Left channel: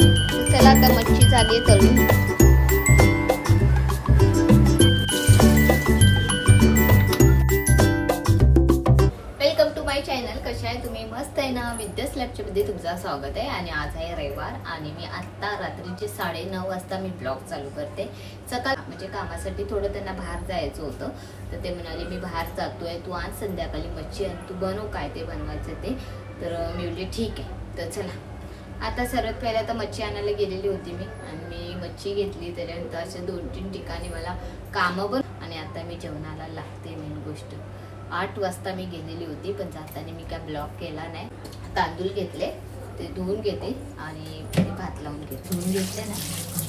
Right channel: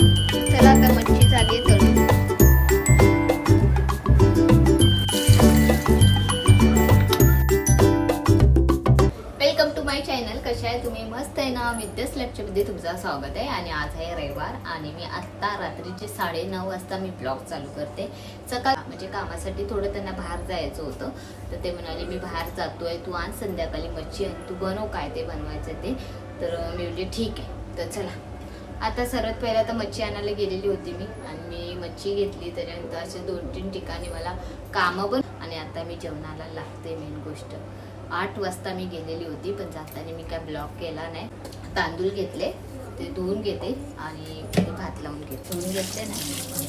चला आता मच्छी झाली आहे तळून. Welcome to my channel. कशा आहे तुम्ही? मस्त आहे ना? विद्यास लॅबच्या मध्ये तुमचं स्वागत आहे. आणि आज आहे रविवार आणि मी आता रात्रीचे 9:30 वाजता मी ब्लॉग चालू करते. सकाळ म्हणजे कामासाठी थोडं त्यांना बाहेर जायचं होतं, तर ते म्हणाले मी बाहेर जातोय, तू आज संध्याकाळी मच्छी आणि तू बनव काय ते बनवायचं ते. तर मी बोलले ठीक आहे. तर चला आता सर्वात पहिला तर मच्छी आणायला गेलेली होती मी आणि मी मच्छी घेतली. त्याच्यानंतर असे 2-3 ठिकाणी मला कामं पण. आणि आता मी जेवणाला लागते. मेन गोष्ट 8 वाजता मी गेलेली होती, पण जाताना मी काय ब्लॉग केला नाही. तांदूळ घेतले, ते धुवून घेते आणि ते भात लावून घेते. धुवून घेतले ना.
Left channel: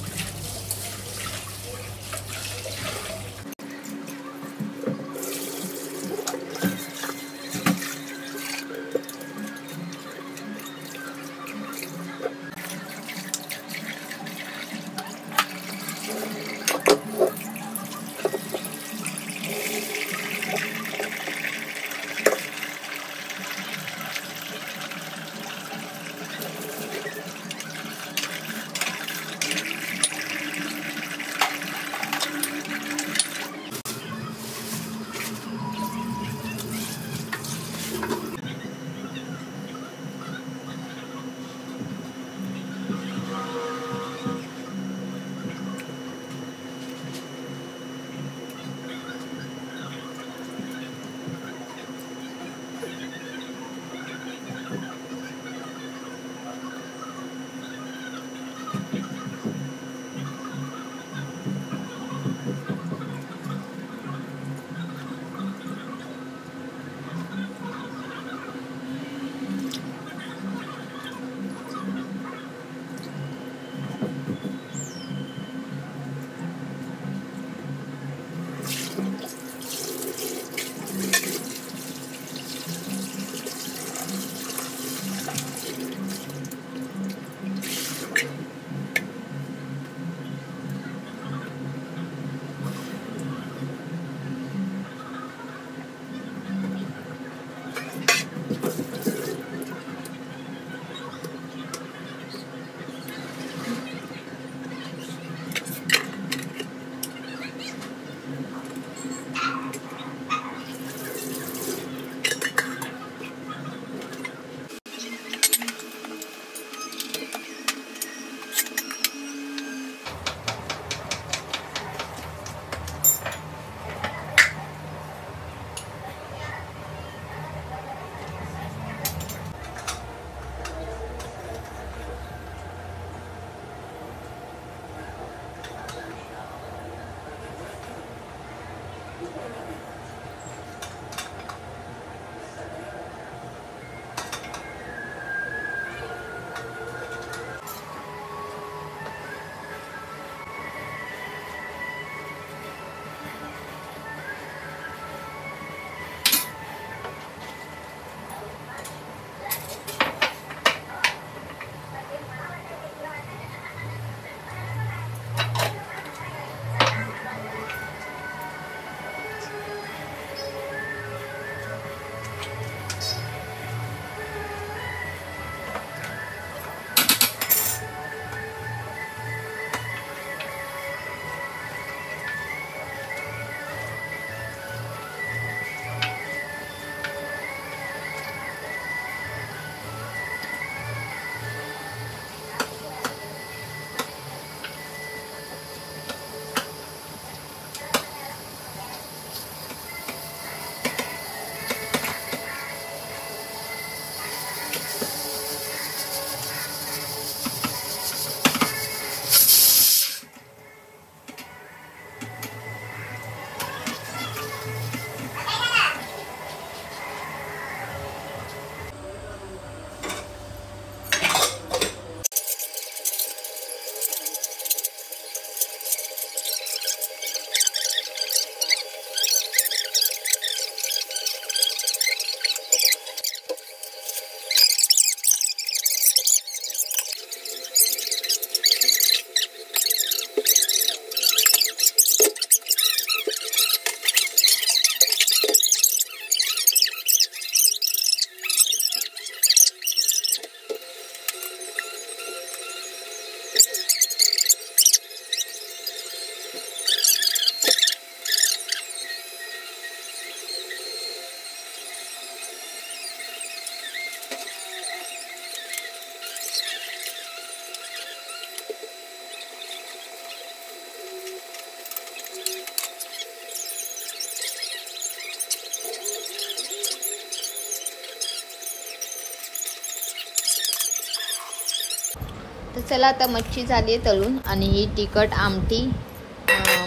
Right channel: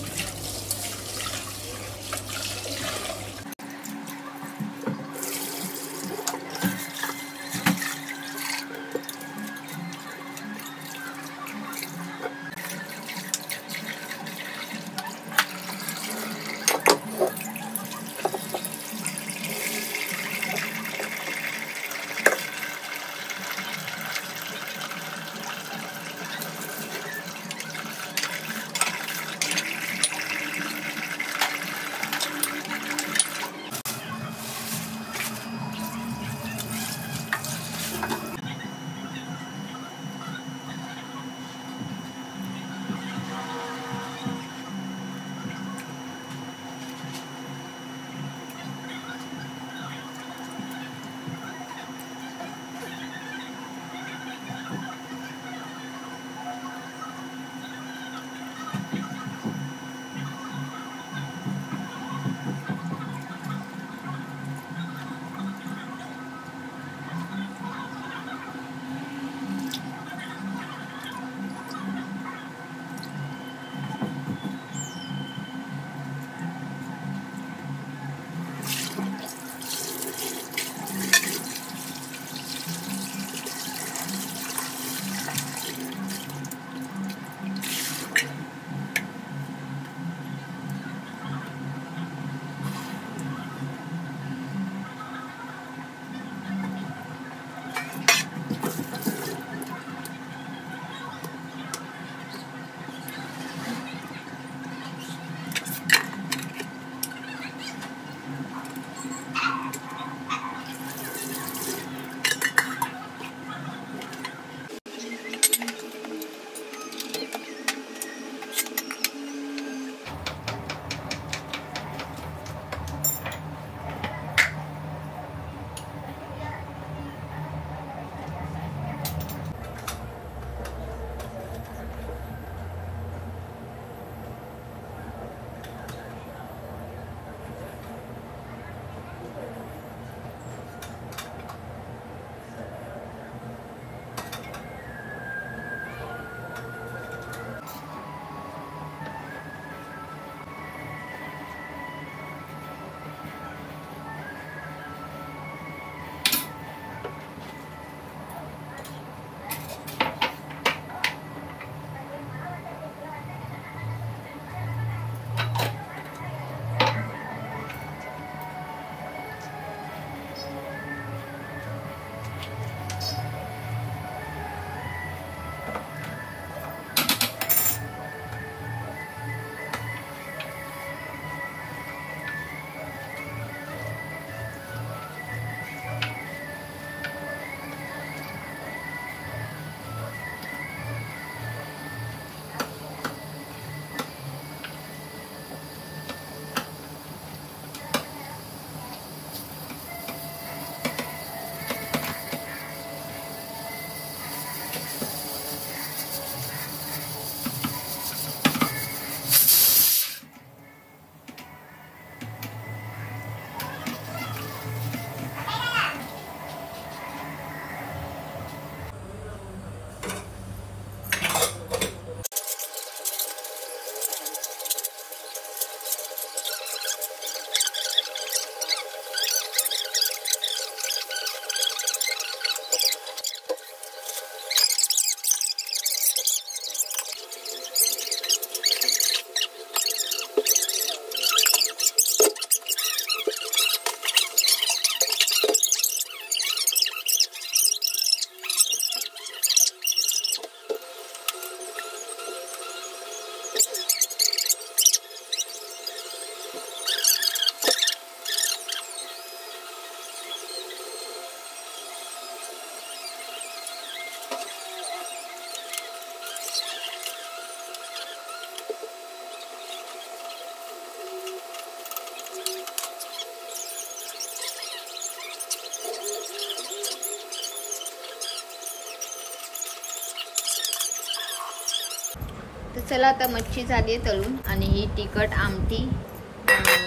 तर चला आता मच्छी झाली आहे तळून आणि ही तिखट आमटी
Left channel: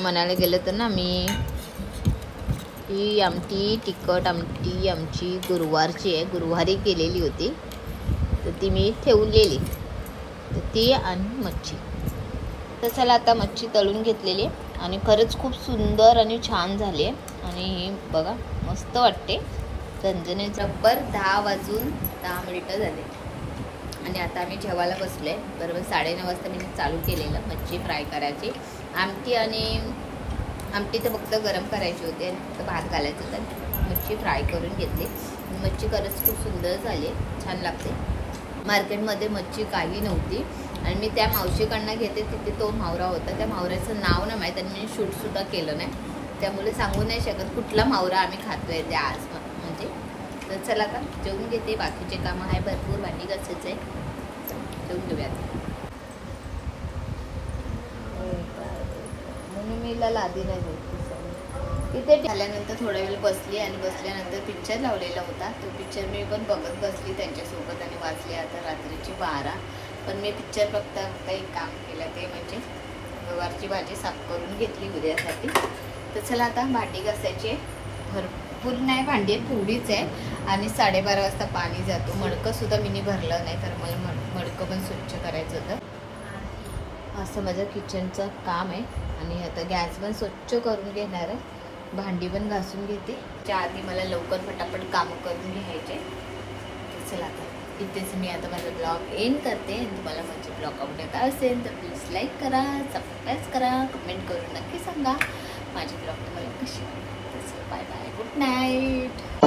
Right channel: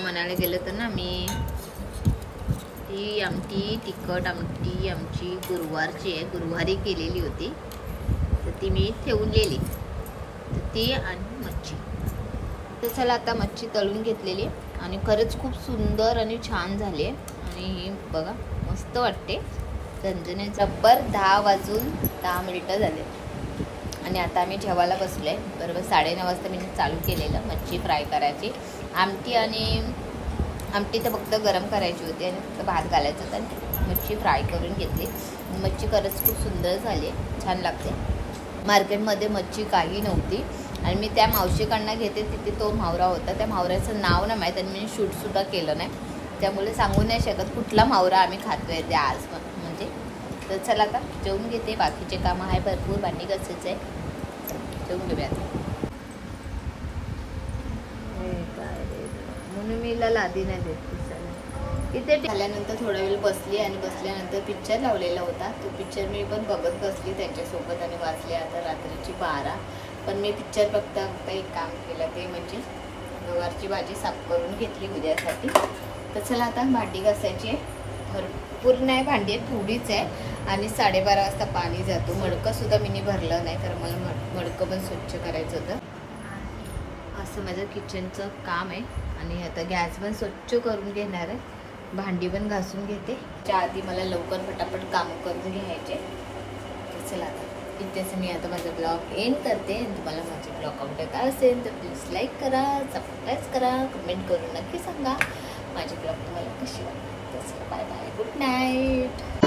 म्हणायला गेलं तर ना मी ही आमटी तिखट आमटी आमची गुरुवारची आहे, गुरुवारी केलेली होती तर ती मी ठेवलेली, तर ती आणि मच्छी. तर चला आता मच्छी तळून घेतलेली आहे आणि खरंच खूप सुंदर आणि छान झाली आहे आणि ही बघा मस्त वाटते झणझणीत. बरोबर 10 वाजून 10 मिनिटं झाले आणि आता आम्ही जेवायला बसलो आहे. बरोबर 9:30 वाजता मी चालू केलेलं मच्छी फ्राय करायची. आमटी तर फक्त गरम करायची होती आणि फक्त भात घालायचं होतं. मच्छी फ्राय करून घेतली. मच्छी खरंच खूप सुंदर झाली आहे, छान लागते. मार्केटमध्ये मच्छी काही नव्हती आणि मी त्या मावशीकडनं घेते, तिथे तो मावरा होता. त्या मावऱ्याचं नाव नाही माहीत आणि मी शूटसुद्धा केलं नाही, त्यामुळे सांगू नाही शकत कुठला मावरा आम्ही खातोय ते आज म्हणजे. तर चला आता जेवून घेते, बाकीचे कामं आहे भरपूर, भांडी घासायचं आहे, जेवून घेऊया. म्हणून मी लादी नाही देत. तिथे झाल्यानंतर थोडा वेळ बसली आणि बसल्यानंतर पिक्चर लावलेला होता, तो पिक्चर मी पण बघत बसली त्यांच्यासोबत आणि वाजली आता रात्रीची 12. पण मी पिक्चर बघता एक काम केलं, ते म्हणजे गवारची भाजी साफ करून घेतली उद्यासाठी. तर चला आता भांडी घासायची आहे, भरपूर नाही भांडी थोडीच आहे आणि 12:30 वाजता पाणी जातो. मडकं सुद्धा मी भरलं नाही, तर मला मडकं पण स्वच्छ करायचं होतं. असं माझं किचनचं काम आहे आणि आता गॅस पण स्वच्छ करून घेणार आहे, भांडी पण घासून घेते. त्या आधी मला लवकर फटाफट कामं करून घ्यायचे. चला आता इथेच मी आता माझा ब्लॉग एंड करते आणि तुम्हाला माझे ब्लॉग आवडत असेल तर प्लीज लाईक करा, सबस्क्राईब करा, कमेंट करून नक्की सांगा माझे ब्लॉग तुम्हाला कशी वाटते. Bye bye, good night.